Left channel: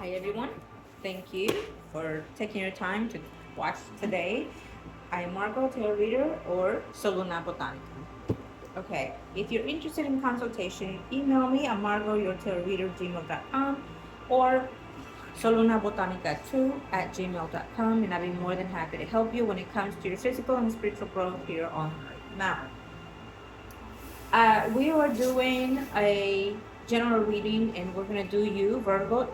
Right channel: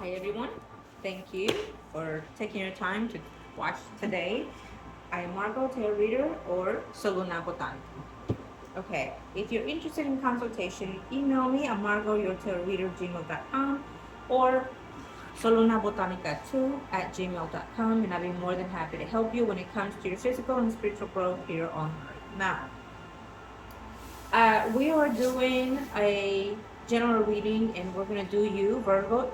Hi everyone, thank you for taking your time to watch today. I'm Margo Tarot Reader or Soluna Botanica. Okay, if you're interested in consultation, email me at margourtarotreader@gmail.com or solunabotanica2 at gmail.com, and I'll be more than happy to help you when it comes to your physical and spiritual growth here on Earth. Now, we are doing a general reading, and we're going to do you, Virgo,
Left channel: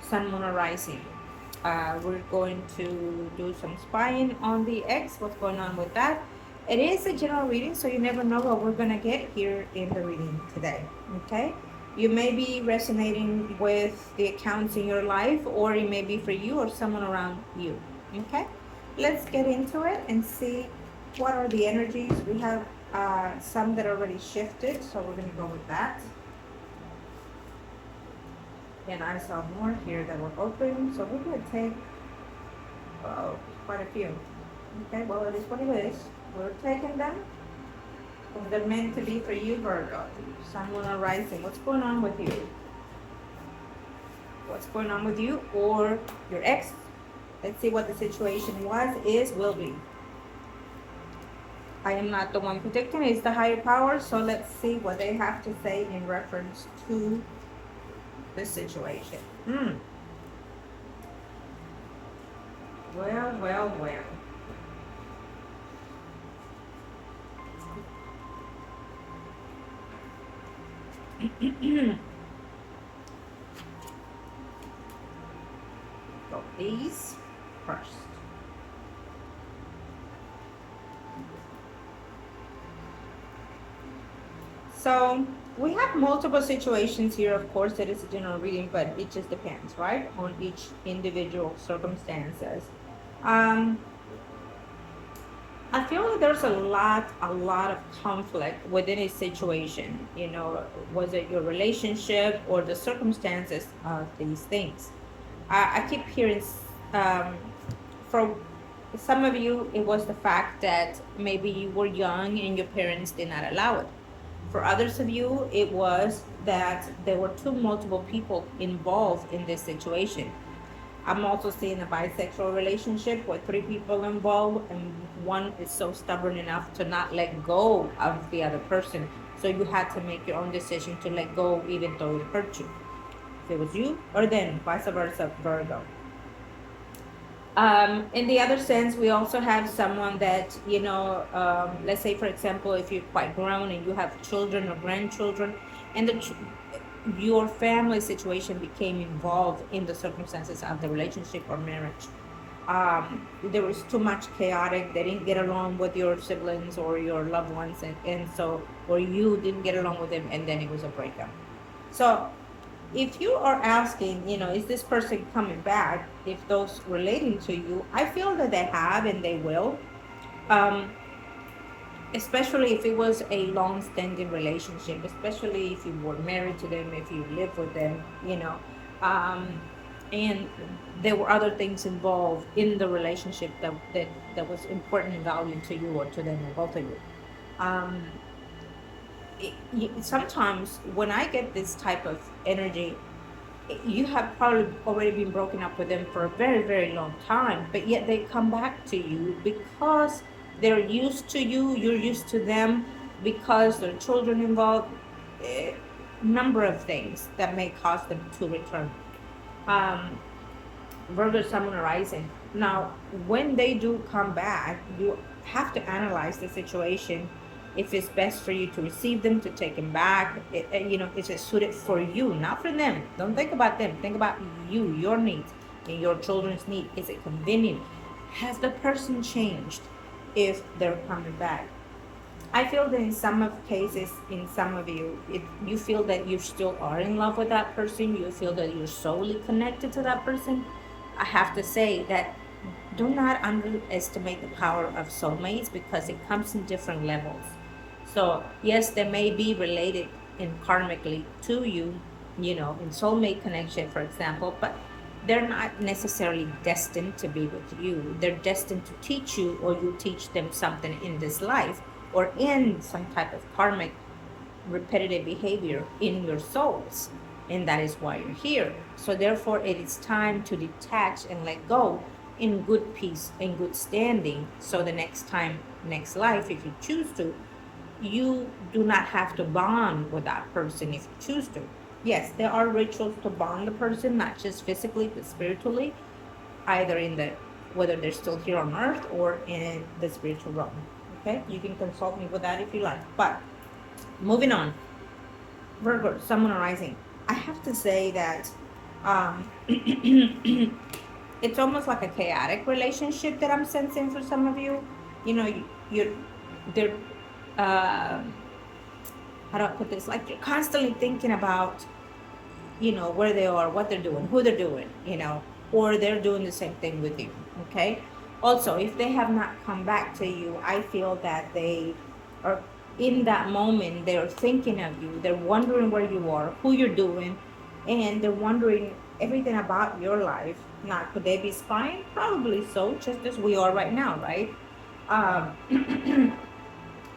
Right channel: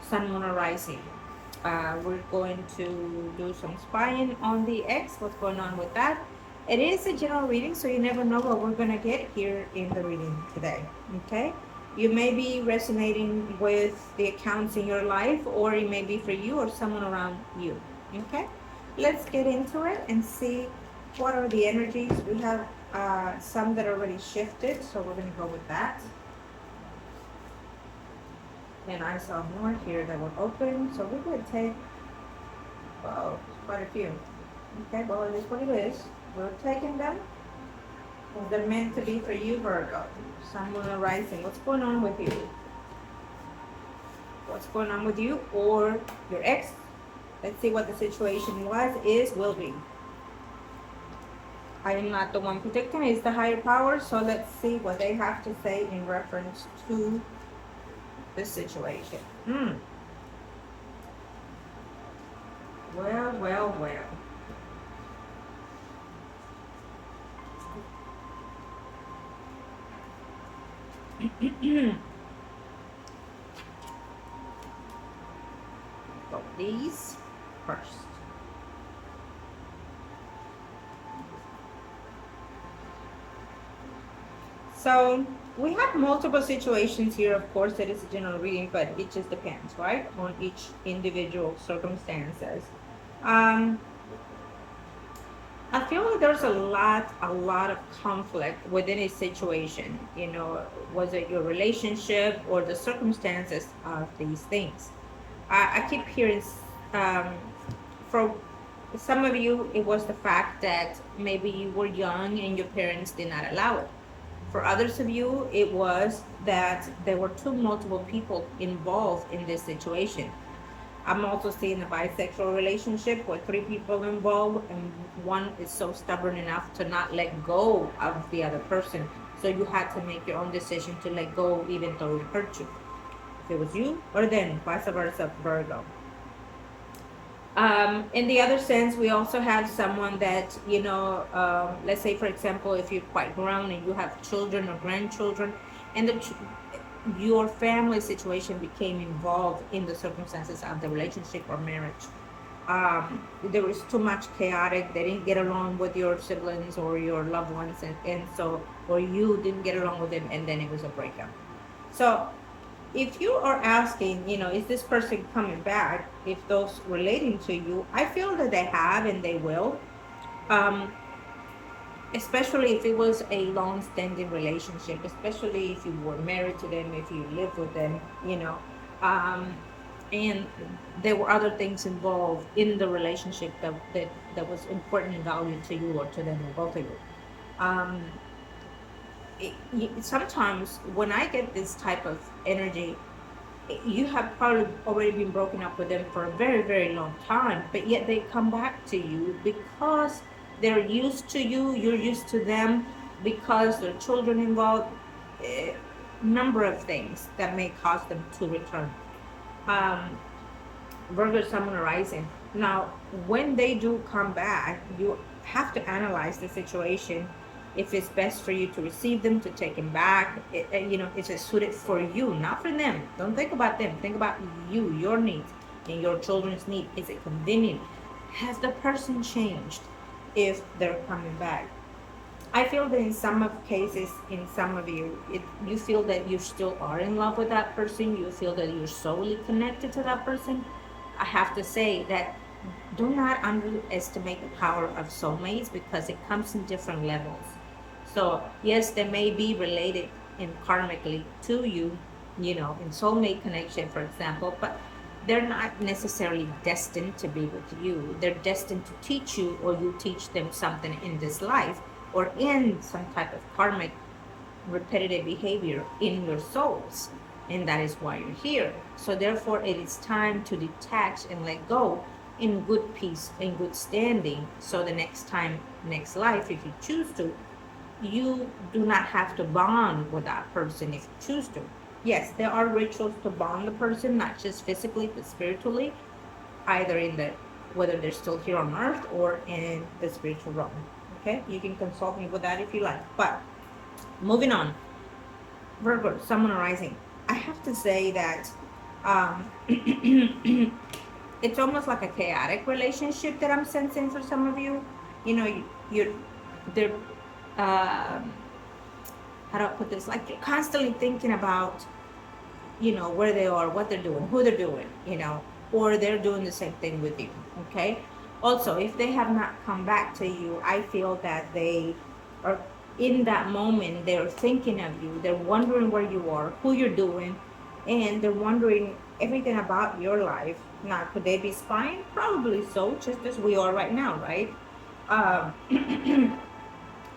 Sun, Moon, or Rising. We're going to do some spying on the X, what's going on with that. It is a general reading, so you never know what we're going to get here in the reading today. Okay? You may be resonating with the accounts in your life, or it may be for you or someone around you. Okay? Let's get into it and see what are the energies. We have some that already shifted, so we're going to go with that. And I saw more here that were open, so we're going to take quite a few. Okay, well, it is what it is. We're taking them because they're meant to be for you, Virgo. Someone arising. What's going on with you? What's going on with you or your ex? Let's see what the situation was, is, will be. I am not the one predicting, it's the higher power, so let's see what they have to say in reference to the situation. Well, well, well. So these first. So we have multiple situations here, of course, that is a general reading, but it just depends, right, on each individual circumstances. I feel like there's a lot of conflict within a situation. You know, was it your relationship or the circumstances of these things? I keep hearing, um, for some of you, it was the fact that maybe you were young and your parents did not allow it. For others of you, it was that there were multiple people involved in this situation. I'm also seeing a bisexual relationship with three people involved, and one is so stubborn enough to not let go of the other person. So you had to make your own decision to let go, even though it hurt you. If it was you, or then vice versa, Virgo. In the other sense, we also have someone that, let's say, for example, if you're quite grown and you have children or grandchildren, and your family situation became involved in the circumstances of the relationship or marriage. There was too much chaotic. They didn't get along with your siblings or your loved ones, and so, or you didn't get along with them, and then it was a breakup. So if you are asking, is this person coming back? If those relating to you, I feel that they have and they will. Um, Especially if it was a long-standing relationship, especially if you were married to them, if you lived with them, um, and there were other things involved in the relationship that was important and valued to you or to them or both of you. Um, Sometimes when I get this type of energy, you have probably already been broken up with them for a very, very long time, but yet they come back to you because they're used to you, you're used to them, because there are children involved, a number of things that may cause them to return. Um, Virgo Sun Rising. Now, when they do come back, you have to analyze the situation. If it's best for you to receive them, to take them back, is it suited for you, not for them. Don't think about them. Think about you, your needs, and your children's need. Is it convenient? Has the person changed if they're coming back? I feel that in some of cases, in some of you, you feel that you still are in love with that person. You feel that you're solely connected to that person. I have to say that do not underestimate the power of soulmates because it comes in different levels. So yes, they may be related in karmically to you, in soulmate connection, for example, but they're not necessarily destined to be with you. They're destined to teach you, or you teach them something in this life, or in some type of karmic repetitive behavior in your souls. and that is why you're here. So therefore, it is time to detach and let go in good peace and good standing. So the next time, next life, if you choose to, you do not have to bond with that person if you choose to. Yes, there are rituals to bond the person, not just physically but spiritually, either in the whether they're still here on earth or in the spiritual realm. Okay, you can consult me with that if you like. But moving on, Virgo, Sun Rising. I have to say that um, it's almost like a chaotic relationship that I'm sensing for some of you. You know, they're uh, how do I put this? Like they're constantly thinking about, where they are, what they're doing, who they're doing, or they're doing the same thing with you. Okay. Also, if they have not come back to you, I feel that they are in that moment, they're thinking of you, they're wondering where you are, who you're doing, and they're wondering everything about your life. Now, could they be spying? Probably so, just as we are right now, right?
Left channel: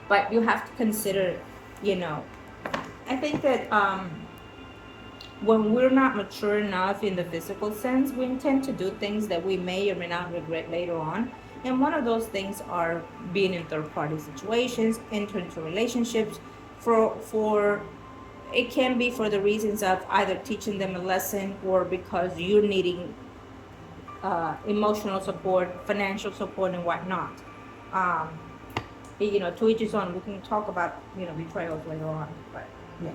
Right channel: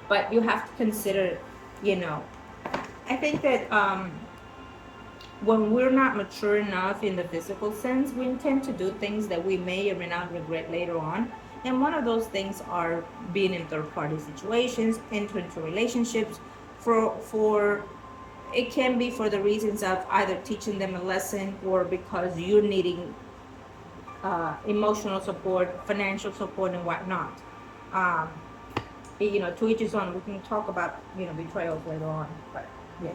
But you have to consider, you know, I think that when we're not mature enough in the physical sense, we intend to do things that we may or may not regret later on. And one of those things are being in third party situations, entering into relationships for it can be for the reasons of either teaching them a lesson or because you're needing emotional support, financial support, and whatnot. Um, to each his own. We can talk about betrayals later on, but yeah.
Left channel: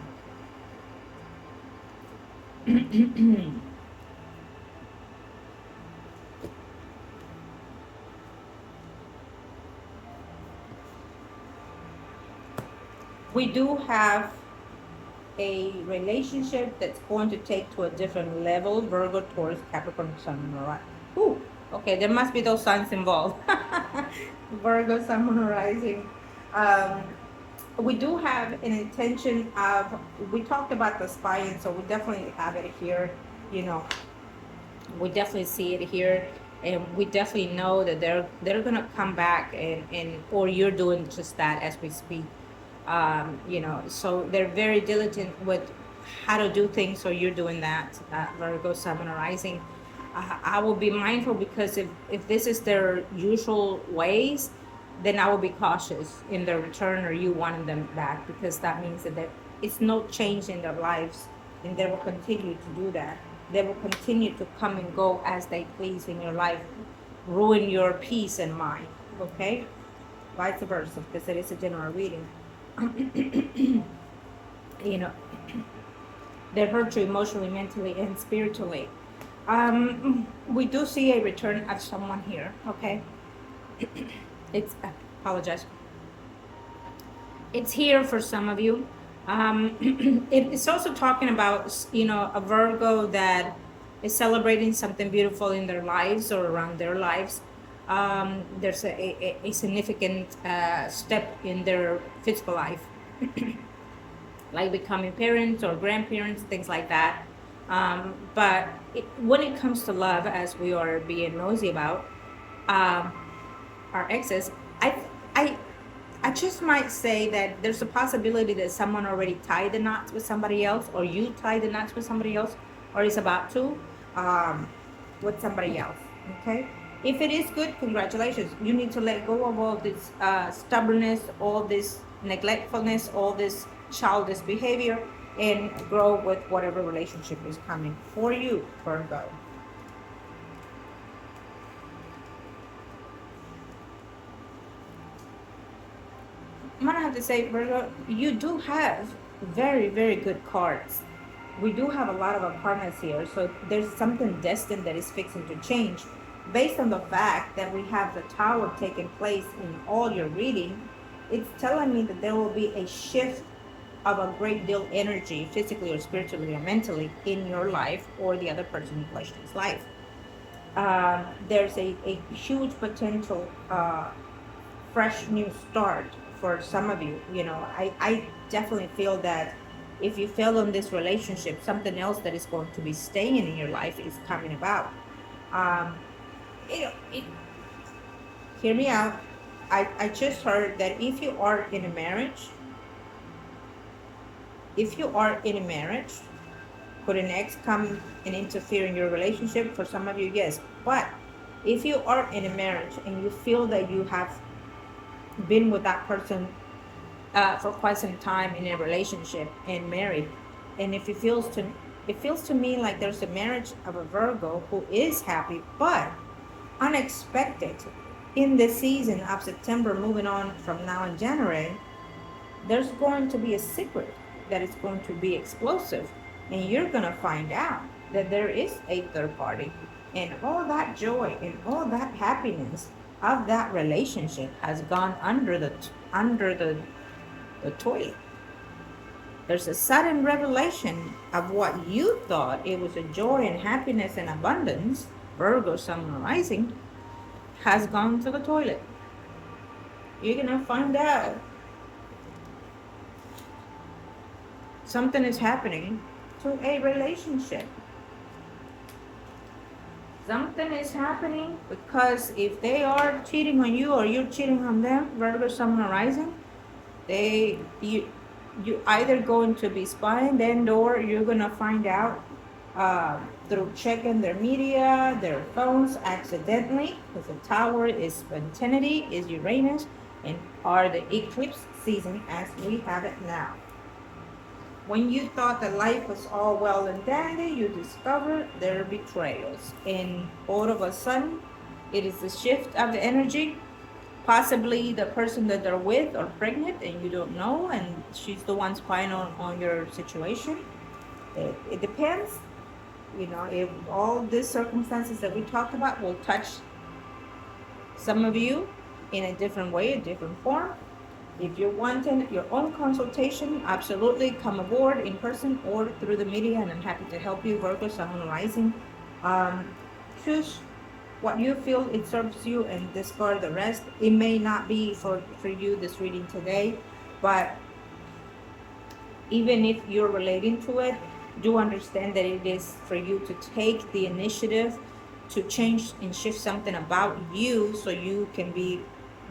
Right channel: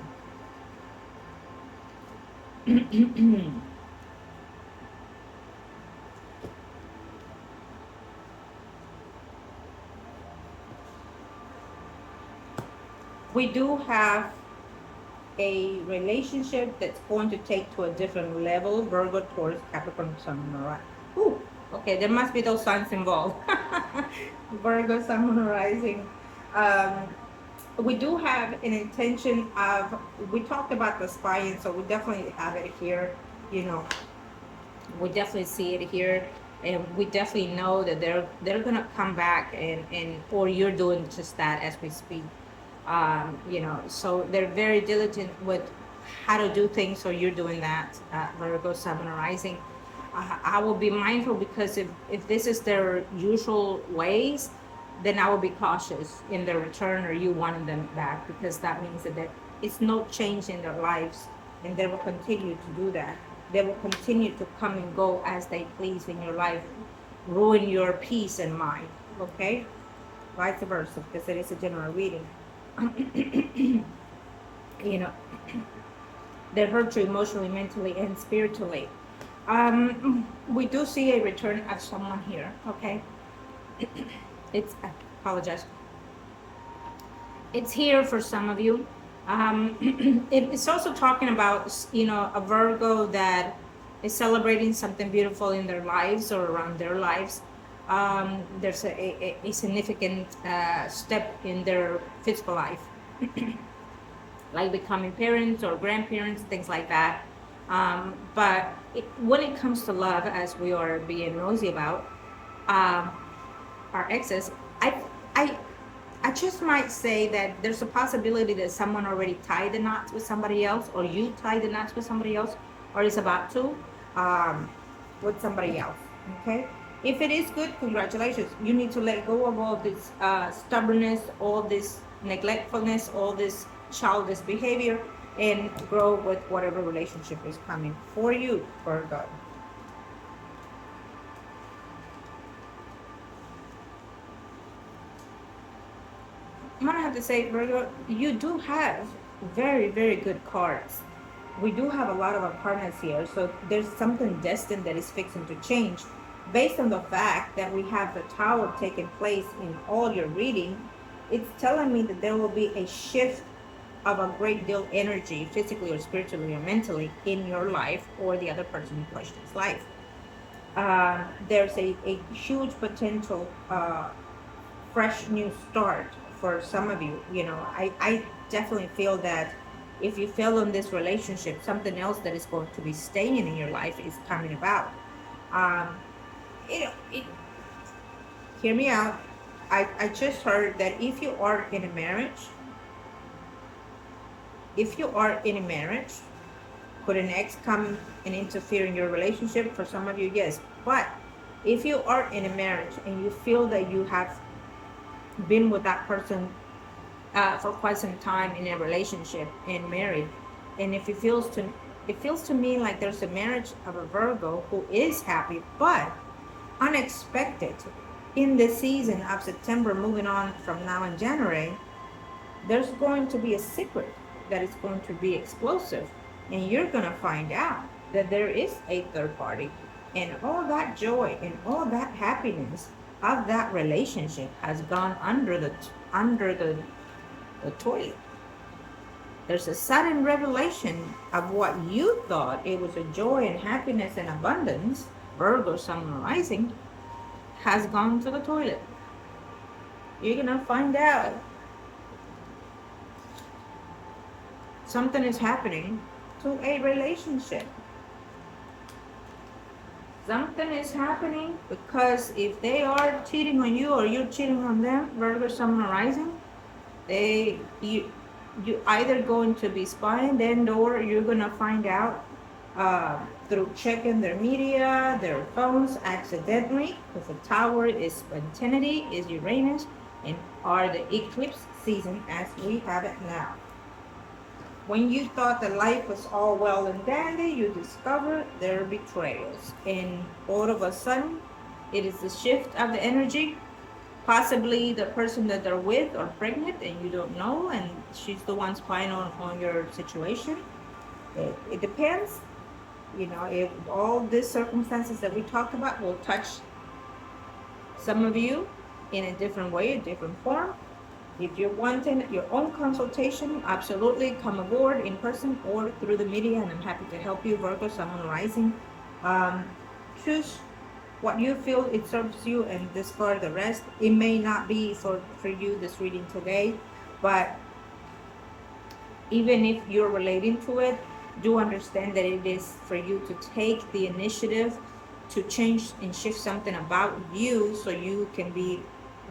We do have a relationship that's going to take to a different level. Virgo, Taurus, Capricorn, Sun, and all that. Ooh, okay, there must be those signs involved. Virgo, Sun, Moon, Rising. Um, we do have an intention of. We talked about the spying, so we definitely have it here. You know, we definitely see it here, and we definitely know that they're gonna come back and or you're doing just that as we speak. So they're very diligent with how to do things, so you're doing that. Virgo, Sun, Rising. I will be mindful because if this is their usual ways, then I will be cautious in their return or you wanting them back, because that means that it's no change in their lives, and they will continue to do that. They will continue to come and go as they please in your life, ruin your peace and mind. Okay, vice versa, because it is a general reading. you know, that hurt you emotionally, mentally, and spiritually. We do see a return of someone here. Okay, I apologize. It's here for some of you. It's also talking about a Virgo that is celebrating something beautiful in their lives or around their lives. There's a significant step in their physical life, like becoming parents or grandparents, things like that. But when it comes to love, as we are being nosy about um, our exes, I, I, I just might say that there's a possibility that someone already tied the knots with somebody else, or you tied the knots with somebody else, or is about to um, with somebody else. Okay. If it is good, congratulations. You need to let go of all this stubbornness, all this neglectfulness, all this childish behavior, and grow with whatever relationship is coming for you, Virgo. I'm gonna have to say, Virgo, you do have very, very good cards. We do have a lot of apartments here, so there's something destined that is fixing to change. Based on the fact that we have the tower taking place in all your reading, it's telling me that there will be a shift of a great deal energy, physically or spiritually or mentally, in your life or the other person in question's life. There's a huge potential fresh new start for some of you. I definitely feel that if you fail in this relationship, something else that is going to be staying in your life is coming about. Um, it, hear me out. I just heard that if you are in a marriage, Could an ex come and interfere in your relationship? For some of you, yes. But if you are in a marriage and you feel that you have been with that person for quite some time in a relationship and married, and if it feels to me like there's a marriage of a Virgo who is happy, but unexpected in the season of September, moving on from now in January, there's going to be a secret that is going to be explosive, and you're going to find out that there is a third party, and all that joy and all that happiness of that relationship has gone under the toilet. There's a sudden revelation of what you thought it was a joy and happiness and abundance, Virgo Sun rising, has gone to the toilet. You're gonna find out something is happening to a relationship. Something is happening because if they are cheating on you or you're cheating on them, Virgo Sun rising, you either going to be spying them, or you're gonna find out through checking their media, their phones accidentally, because the tower is spontaneity, is Uranus, and are the eclipse season as we have it now. When you thought that life was all well and dandy, you discover there are betrayals, and all of a sudden, it is the shift of the energy. Possibly the person that they're with are pregnant and you don't know, and she's the one spying on your situation. It depends. You know, if all these circumstances that we talked about will touch some of you in a different way, a different form. If you're wanting your own consultation, absolutely come aboard in person or through the media, and I'm happy to help you, Virgo, Sun rising. Choose what you feel it serves you and discard the rest. It may not be for you, this reading today, but even if you're relating to it, do understand that it is for you to take the initiative to change and shift something about you so you can be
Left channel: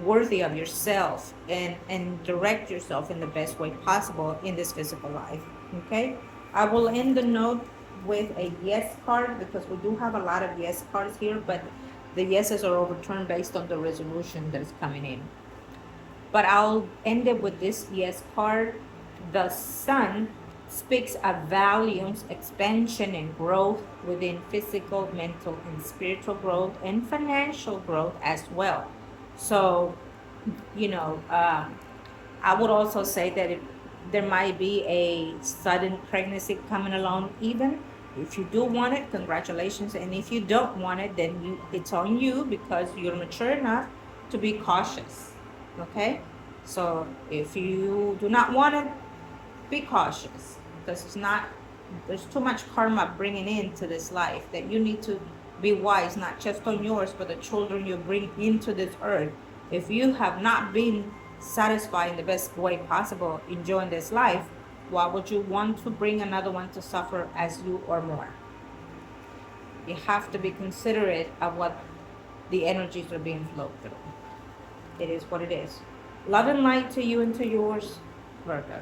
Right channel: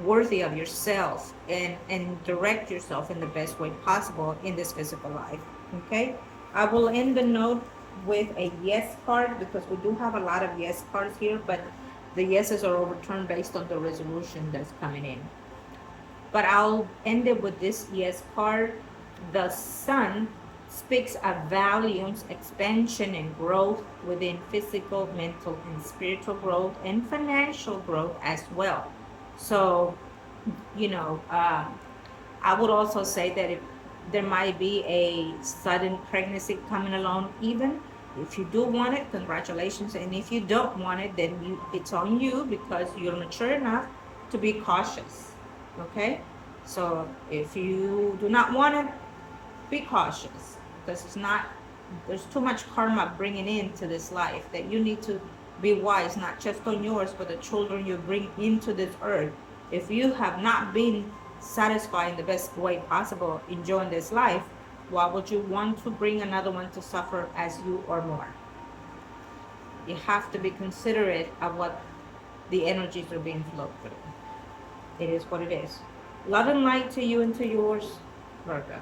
worthy of yourself and direct yourself in the best way possible in this physical life. Okay, I will end the note with a yes card because we do have a lot of yes cards here, but the yeses are overturned based on the resolution that's coming in. But I'll end it with this yes card. The sun speaks of volumes, expansion, and growth within physical, mental, and spiritual growth, and financial growth as well. So, you know, I would also say that if there might be a sudden pregnancy coming along, even if you do want it, congratulations. And if you don't want it, then it's on you because you're mature enough to be cautious. Okay? So if you do not want it, be cautious because there's too much karma bringing into this life that you need to be wise, not just on yours, but the children you bring into this earth. If you have not been satisfied in the best way possible enjoying this life, why would you want to bring another one to suffer as you or more? You have to be considerate of what the energies are being flowed through. It is what it is. Love and light to you and to yours, Virgo.